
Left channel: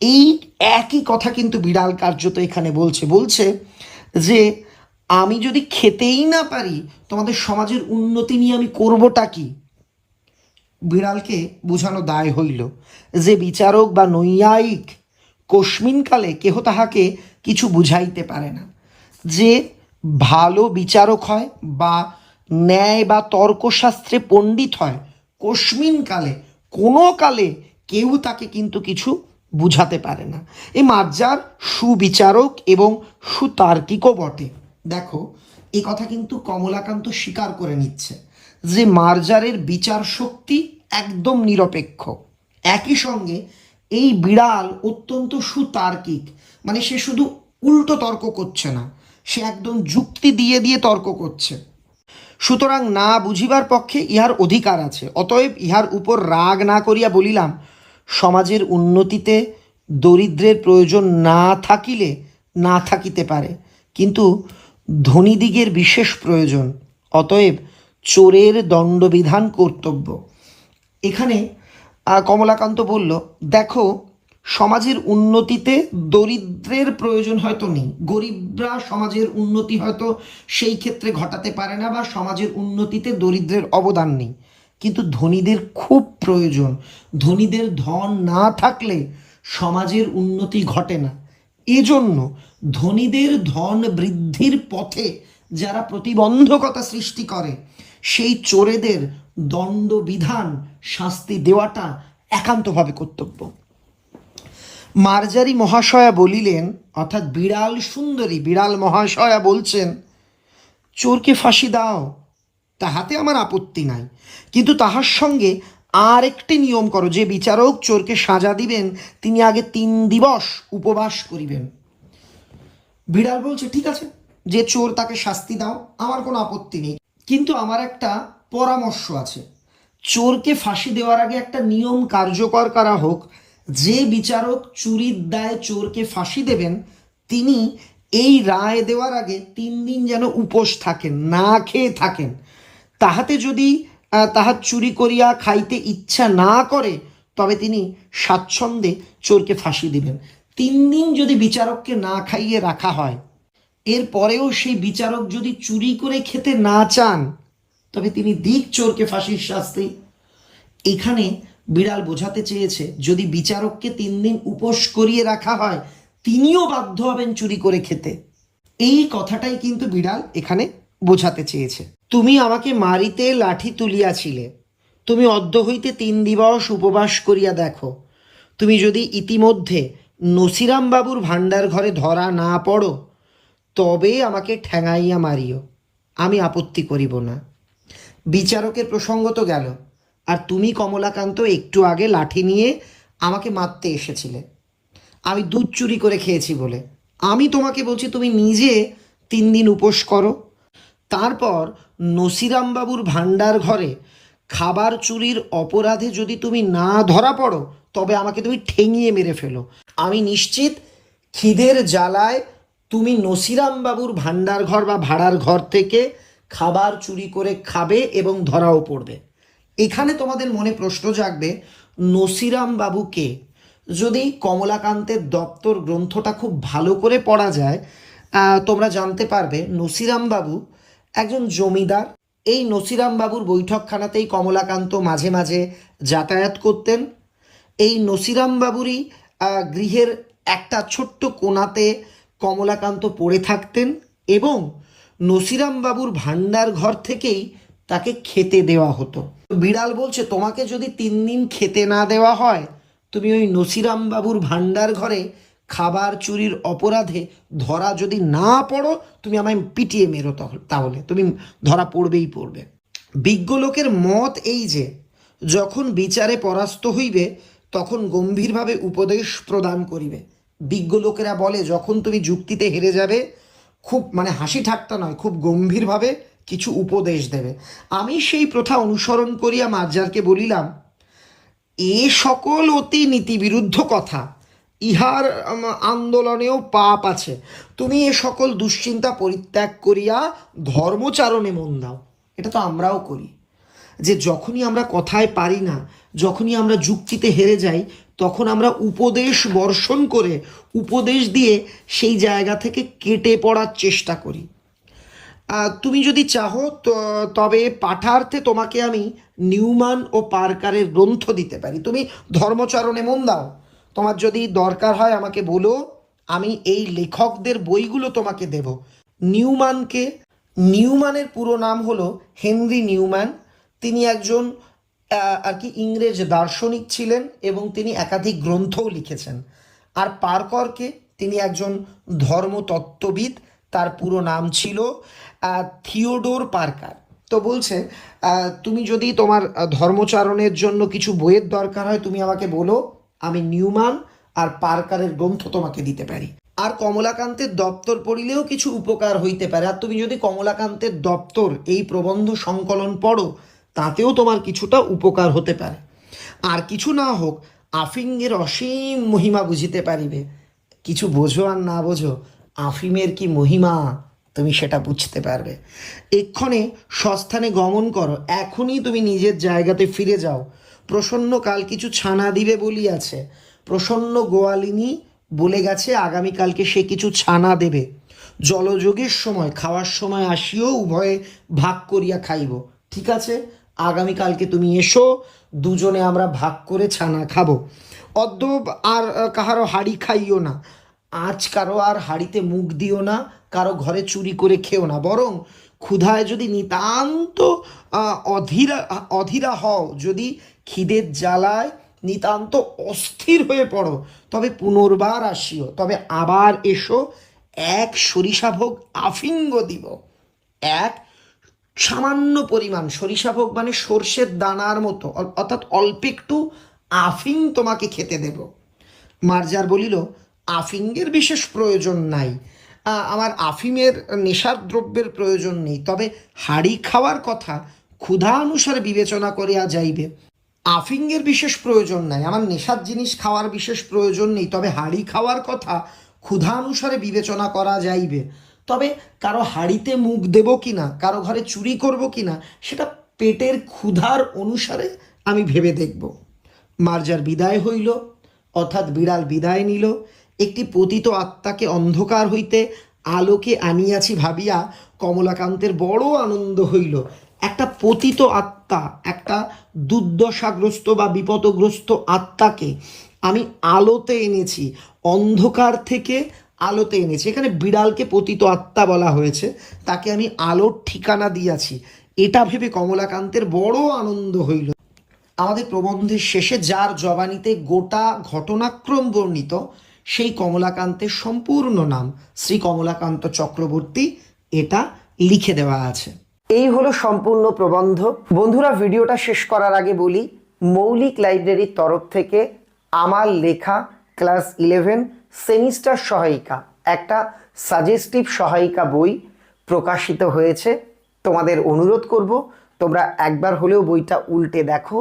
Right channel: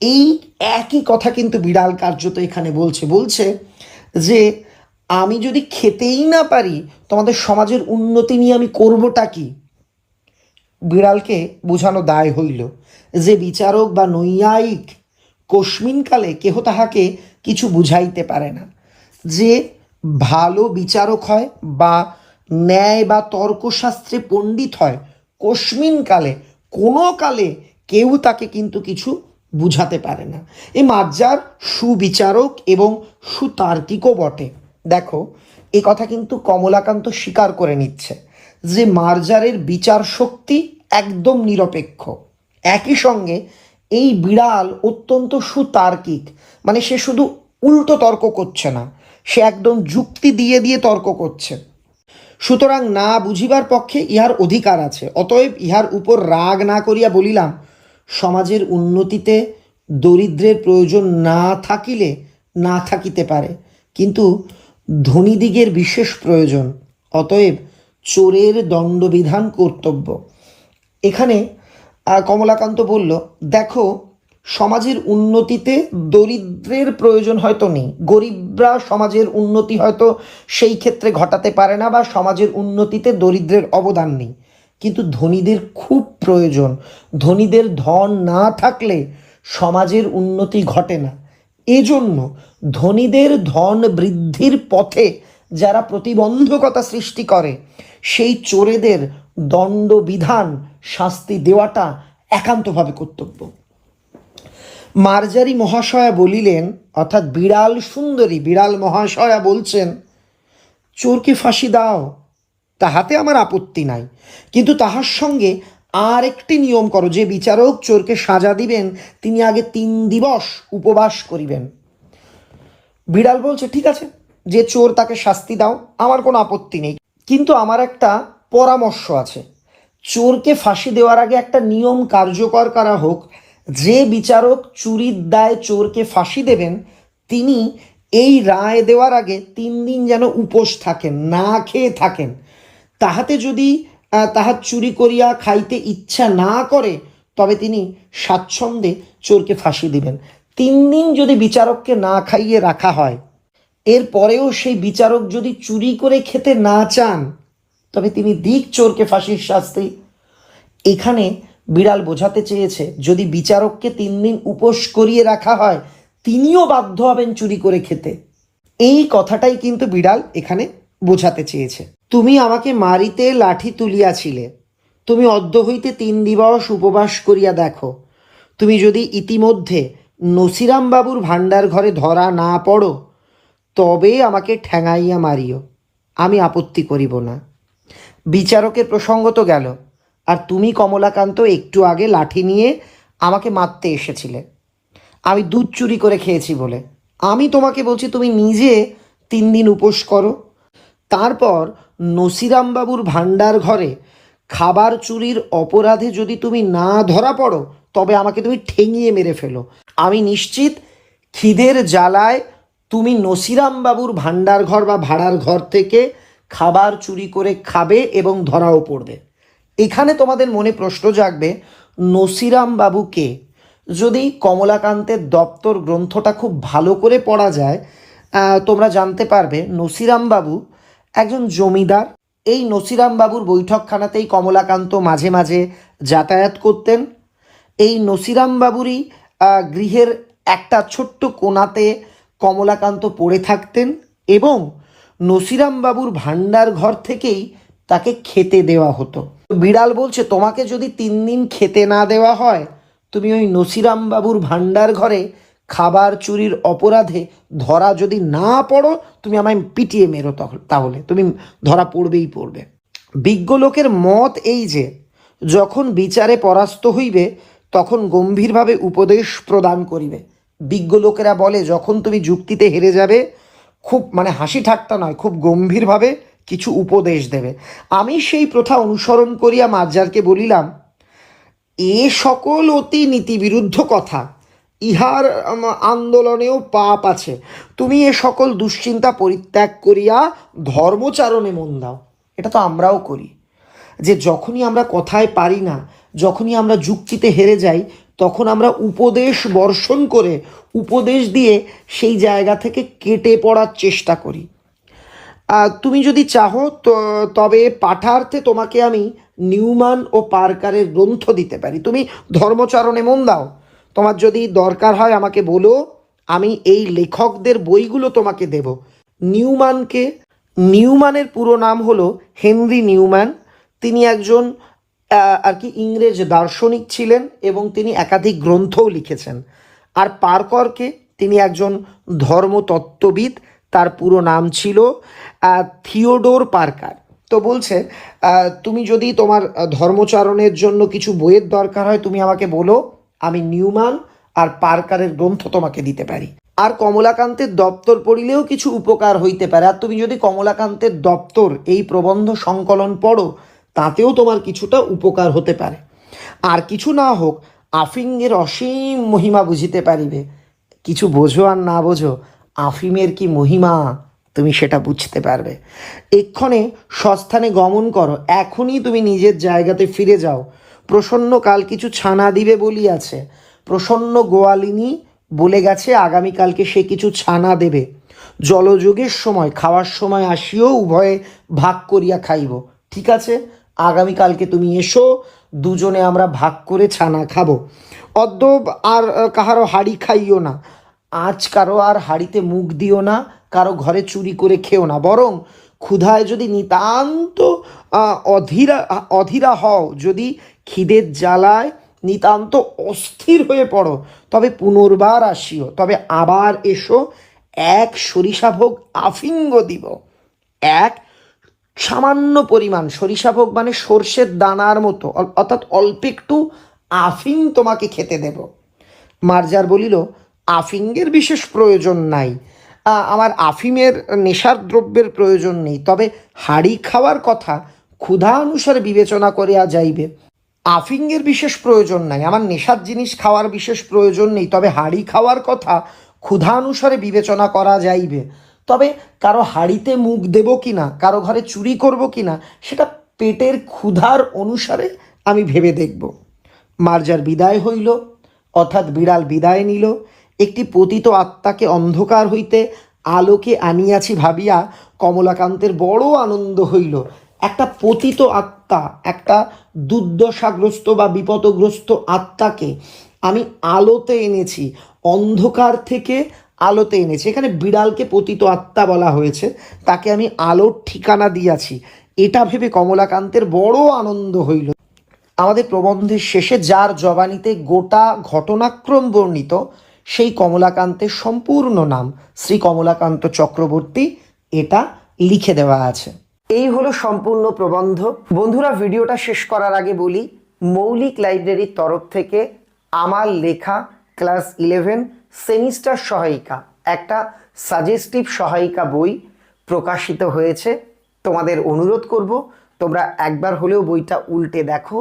এই একই কথা কিন্তু বিড়াল কার্যত এখানে বলছে। বলছে যে, আমি যদি খেতেই না পারি, তোমাদের সমাজের উন্নতি নিয়ে আমি করবোটা কি? বিড়ালকে বোঝানো দায় হইল যে বিচারক বা নৈয়ায়িক কস্মিনকালে কেহ তাহাকে কিছু বুঝাইতে পারে না। যে ভালো বিচারক হয় বা ন্যায় বা তর্কশাস্ত্রে পণ্ডিত হয় কস্মিন কালে কোনো কালে কেউ তাকে কিন্তু কিছু বুঝাতে পারে না। এই মার্জার সুবিচারক এবং সুতার্কিকও বটে। দেখো, এ কথা কিন্তু কমলাকান্ত স্বীকার করে নিচ্ছে। যে মার্জারের বিচার শক্তি একদম নিরপেক্ষ। একই সঙ্গে এই বিড়াল অত্যন্ত সুতার্কিক। মানে সে শুধু উল্টো তর্ক করছে না, সে একদম যুক্তি দিয়ে দিয়ে তর্ক করছে। সুতরাং না বুঝিবার পক্ষে ইহার অধিকার আছে, অতএব ইহার উপর রাগ না করিয়া বলিলাম, সমাজের উন্নতিতে দরিদ্রের প্রয়োজন না থাকিলে না থাকিতে পারে। কিন্তু ধনীদিগের বিশেষ প্রয়োজন, অতএব চোরের দণ্ডবিধান কর্তব্য। এখানে কমলাকান্ত বলল, দেখো, সমাজের উন্নতিতে দরিদ্রের প্রয়োজন হয়তো নেই। গরিবরা সমাজের উন্নতি হয়তো সেই ক্ষেত্রে ঘটাতে পারে না বা সমাজের উন্নতিতে দরিদ্রের অবদান নেই। কিন্তু ধনীদের খুব প্রয়োজন। ধনীদের ধন না থাকলে সমাজের উন্নতি ঘটে না। এজন্য ধনীদের ধন বৃদ্ধির পথে যারা প্রতিবন্ধকতা সৃষ্টি করে সেই চোরেদের দণ্ডবিধান, শাস্তি দেওয়াটা একান্তভাবে কর্তব্য। মার্জারি মহাশয়া বলিলেন, অর্থাৎ বিড়াল সুন্দরী, বিড়াল মহাশয়া বলছেন, চোরকে ফাঁসি দাও, তাহাতে আমার আপত্তি নাই। কিন্তু তাহার সঙ্গে আর একটি নিয়ম করো, যে বিচারক চোরকে সাজা দিবেন, তিনি আগে তিন দিবস উপবাস করিবেন। বিড়াল বলছে, ঠিক আছে, যে চোর তাকে শাস্তি দাও, আমার কোনো আপত্তি নেই। কিন্তু আমার একটা পরামর্শ আছে। চোরকে ফাঁসি দেওয়ার আগে একটা নিয়ম কার্যকর করা হোক। যে বিচারক চুরির দায় চোরকে ফাঁসি দেবেন, তিনি এই রায় দেওয়ার আগে তিন দিন যেন উপোস থাকেন, না খেয়ে থাকেন। তাহাতে যদি তাহার চুরি করিয়া খাইতে ইচ্ছা না করে, তবে তিনি স্বাচ্ছন্দ্যে চোরকে ফাঁসি দিবেন। তিন দিন যদি বিচারককে না খাইয়ে রাখা হয় এরপরেও সেই বিচারক যদি চুরি করে খেতে না চান, তবে তিনি দিক চোরকে ফাঁসির শাস্তি। এখানে বিড়াল বোঝাতে চেয়েছে, যদি বিচারককে তিন দিন উপোস করিয়ে রাখা হয়, তিনিও বাধ্য হবেন চুরি করে খেতে। এই কথাটাই কিন্তু বিড়াল এখানে বোঝাতে চেয়েছে। তুমি আমাকে মারিতে লাঠি তুলিয়াছিলে। তুমি অদ্য হইতে তিন দিবস উপবাস করিয়া দেখো। তুমি যদি ইতিমধ্যে নসিরাম বাবুর ভাণ্ডার ঘরে ধরা না পড়ো তবে আমাকে ঠ্যাঙাইয়া মারিও। আমি আপত্তি করিব না। বিচারকের প্রসঙ্গ তো গেল। আর তুমি, কমলাকান্ত, একটু আগে লাঠি নিয়ে আমাকে মারতে এসেছিলে। আমি দুধ চুরি করে খেয়েছি বলে। আমি তোমাকে বলছি, তুমি নিজে তিন দিন উপোস করো। তারপর নসিরামবাবুর ভাণ্ডার ঘরে খাবার চুরির অপরাধে যদি তুমি না ধরা পড়ো, তবে আমাকে তুমি ঠেঙিয়ে মেরে ফেলো। আমি নিশ্চিত খিদের জ্বালায় তুমি নসিরামবাবুর ভাণ্ডার ঘর বা ভাড়ার ঘর থেকে খাবার চুরি করে খাবে এবং ধরাও পড়বে। এখানে তোমাদের মনে প্রশ্ন জাগবে, নসিরাম বাবুকে যদি কমলাকান্তের দপ্তর গ্রন্থটা খুব ভালো করে পড়া যায় তোমরা জানতে পারবে নসিরাম বাবু একজন জমিদার। এই নসিরাম বাবুর বৈঠকখানাতেই কমলাকান্ত মাঝে মাঝে যাতায়াত করতেন। এই নসিরাম বাবুরই গৃহের একটা ছোট্ট কোণাতে কমলাকান্ত পড়ে থাকতেন এবং নসিরাম বাবুর ভাণ্ডার ঘর থেকেই তাকে খেতে দেওয়া হতো। বিড়াল বলছে, তোমাকে যদি তিন দিন খেতে না দেওয়া হয়, তুমি ওই নসিরাম বাবুর ভাণ্ডার ঘরে খাবার চুরির অপরাধে ধরা যদি না পড়ো, তুমি আমায় পিটিয়ে মেরো তাহলে। তুমি ধরা পড়বেই পড়বে। বিজ্ঞ লোকের মত এই যে, যখন বিচারে পরাস্ত হইবে, তখন গম্ভীরভাবে উপদেশ প্রদান করিবে। বিজ্ঞ লোকেরা বলে, যখন তুমি যুক্তিতে হেরে যাবে, খুব মানে হাসি ঠাট্টা নয়, খুব গম্ভীরভাবে কিছু উপদেশ দেবে। আমি সেই প্রথা অনুসরণ করিয়া মার্জারকে বলিলাম, এ সকল অতি নীতিবিরুদ্ধ কথা, ইহার আন্দোলনেও পাপ আছে। তুমি এ সকল দুশ্চিন্তা পরিত্যাগ করিয়া ধর্মচারণে মন দাও। এটা তো আমরাও করি। যে যখনই আমরা কথায় পারি না, যখনই আমরা যুক্তিতে হেরে যাই তখন আমরা উপদেশ বর্ষণ করে উপদেশ দিয়ে সেই জায়গা থেকে কেটে পড়ার চেষ্টা করি। তুমি যদি চাহো তবে পাঠার্থে তোমাকে আমি নিউমান ও পার্কারের গ্রন্থ দিতে পারি। তুমি ধর্মচরণে মন দাও। তোমার যদি দরকার হয় আমাকে বলো, আমি এই লেখকদের বইগুলো তোমাকে দেব। নিউমানকে, নিউমানের পুরো নাম হলো হেনরি নিউম্যান। তিনি একজন আর কি ইংরেজ দার্শনিক ছিলেন এবং তিনি একাধিক গ্রন্থও লিখেছেন। আর পার্করকে তিনি একজন ধর্মতত্ত্ববিদ, তার পুরো নাম ছিল থিওডোর পার্কার। তো বলছে তুমি যদি তোমার ধর্মচারণের জন্য কিছু বইয়ের দরকার হয়, তুমি আমাকে বলো, আমি নিউমান আর পার্কারের গ্রন্থ তোমাকে দিতে পারি। আর কমলাকান্তের দপ্তর পড়িলেও কিছু উপকার হইতে পারে। আর তুমি যদি কমলাকান্তের দপ্তর এই প্রবন্ধ সংকলন পড়ো তাতেও তোমার কিছুটা উপকার হতে পারে। আর কিছু না হোক আফিংয়ের অসীম মহিমা বুঝিতে পারিবে। কিছু বোঝো আর না বোঝো, আফিমের কি মহিমা, তুমি সেটা বুঝতে পারবে। এক্ষণে সস্থানে গমন করো, এখনই তুমি নিজের জায়গাতে ফিরে যাও। প্রসন্ন কাল কিছু ছানা দিবে বলিয়াছে, প্রসন্ন গোয়ালিনী বলে গেছে আগামীকালকে সে কিছু ছানা দেবে। জলযোগের সময়, খাওয়ার সময় আসিও, উভয়ে ভাগ করিয়া খাইব। ঠিক আছে? আগামীকালকে তুমি এসো, দুজনে আমরা ভাগ করে ছানা খাব। অদ্য আর কাহারও হাড়ি খাইও না। আজ কারও আর হাড়িতে মুখ দিও না, কারও ঘরে চুরি করে খেও না। বরং ক্ষুধায় যদি নিতান্ত অধীরা অধীরা হও, যদি খিদের জ্বালায় নিতান্ত অস্থির হয়ে পড়ো, তবে পুনর্বার আসিও, তবে আবার এসো, এক সরিষাভোগ আফিঙ্গ দিব, এক সামান্য পরিমাণ, সরিষা ভোগ মানে সর্ষের দানার মতো অর্থাৎ অল্প একটু আফিং তোমাকে খেতে দেব। মার্জার বলিল, আফিংয়ের বিশেষ প্রয়োজন নাই। আমার আফিমের নেশার দ্রব্যের প্রয়োজন নেই, তবে হাড়ি খাওয়ার কথা ক্ষুধা অনুসারে বিবেচনা করিয়া যাইবে। আফিংয়ের বিশেষ প্রয়োজন নাই, আমার নেশার জিনিস খাওয়ার বিশেষ প্রয়োজন নেই, তবে হাড়ি খাওয়ার কথা ক্ষুধা অনুসারে বিবেচনা করা যাইবে। তবে কারও হাড়িতে মুখ দেব কিনা, কারও ঘরে চুরি করব কিনা, সেটা পেটের ক্ষুধার অনুসারে আমি ভেবে দেখব। মার্জার বিদায় হইল, অর্থাৎ বিড়াল বিদায় নিল। একটি পতিত আত্মাকে অন্ধকার হইতে আলোকে আনিয়াছি ভাবিয়া কমলাকান্তের বড় আনন্দ হইল। একটা পতিত আত্মা, একটা দুর্দশাগ্রস্ত বা বিপদগ্রস্ত আত্মাকে আমি আলোতে এনেছি। অন্ধকার থেকে আলোতে এনেছি। এখানে বিড়ালকে পতিত আত্মা বলা হয়েছে। তাকে আমি আলোর ঠিকানা দিয়াছি। এটা ভেবে কমলাকান্তের বড় আনন্দ হইল। আমাদের প্রবন্ধের শেষে যার জবানিতে গোটা ঘটনাক্রম বর্ণিত, সেই কমলাকান্তের সম্পূর্ণ নাম, শ্রী কমলাকান্ত চক্রবর্তী, এটা লিখে দেওয়া আছে। এই হলো সম্পূর্ণ প্রবন্ধ। বন্ধুরা, ভিডিওটা শেষ করার আগে বলি, মৌলিক লাইব্রেরির তরফ থেকে আমার লেখা, ক্লাস ইলেভেন সেমিস্টার সহায়িকা, একটা সাজেস্টিভ সহায়িকা বই প্রকাশিত হয়েছে। তোমাদের অনুরোধ করব, তোমরা একবার হলেও বইটা উল্টে দেখো,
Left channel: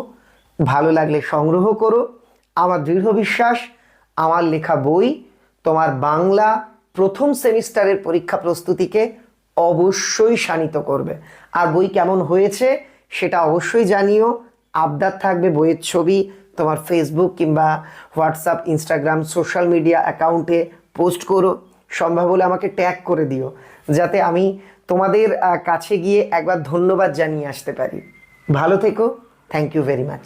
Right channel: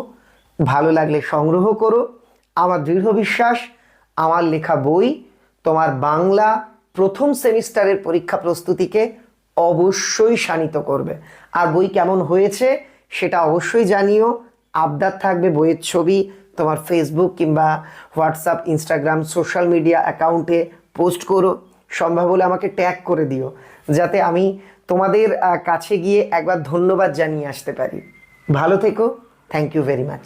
ভালো লাগলে সংগ্রহ করো। আমার দৃঢ় বিশ্বাস, আমার লেখা বই তোমার বাংলা প্রথম সেমিস্টারের পরীক্ষা প্রস্তুতিকে অবশ্যই শানিত করবে। আর বই কেমন হয়েছে সেটা অবশ্যই জানিও। আবদার থাকবে বইয়ের ছবি তোমার ফেসবুক কিংবা হোয়াটসঅ্যাপ ইনস্টাগ্রাম সোশ্যাল মিডিয়া অ্যাকাউন্টে পোস্ট করো। সম্ভব হলে আমাকে ট্যাগ করে দিও, যাতে আমি তোমাদের কাছে গিয়ে একবার ধন্যবাদ জানিয়ে আসতে পারি। ভালো থেকো। Thank you very much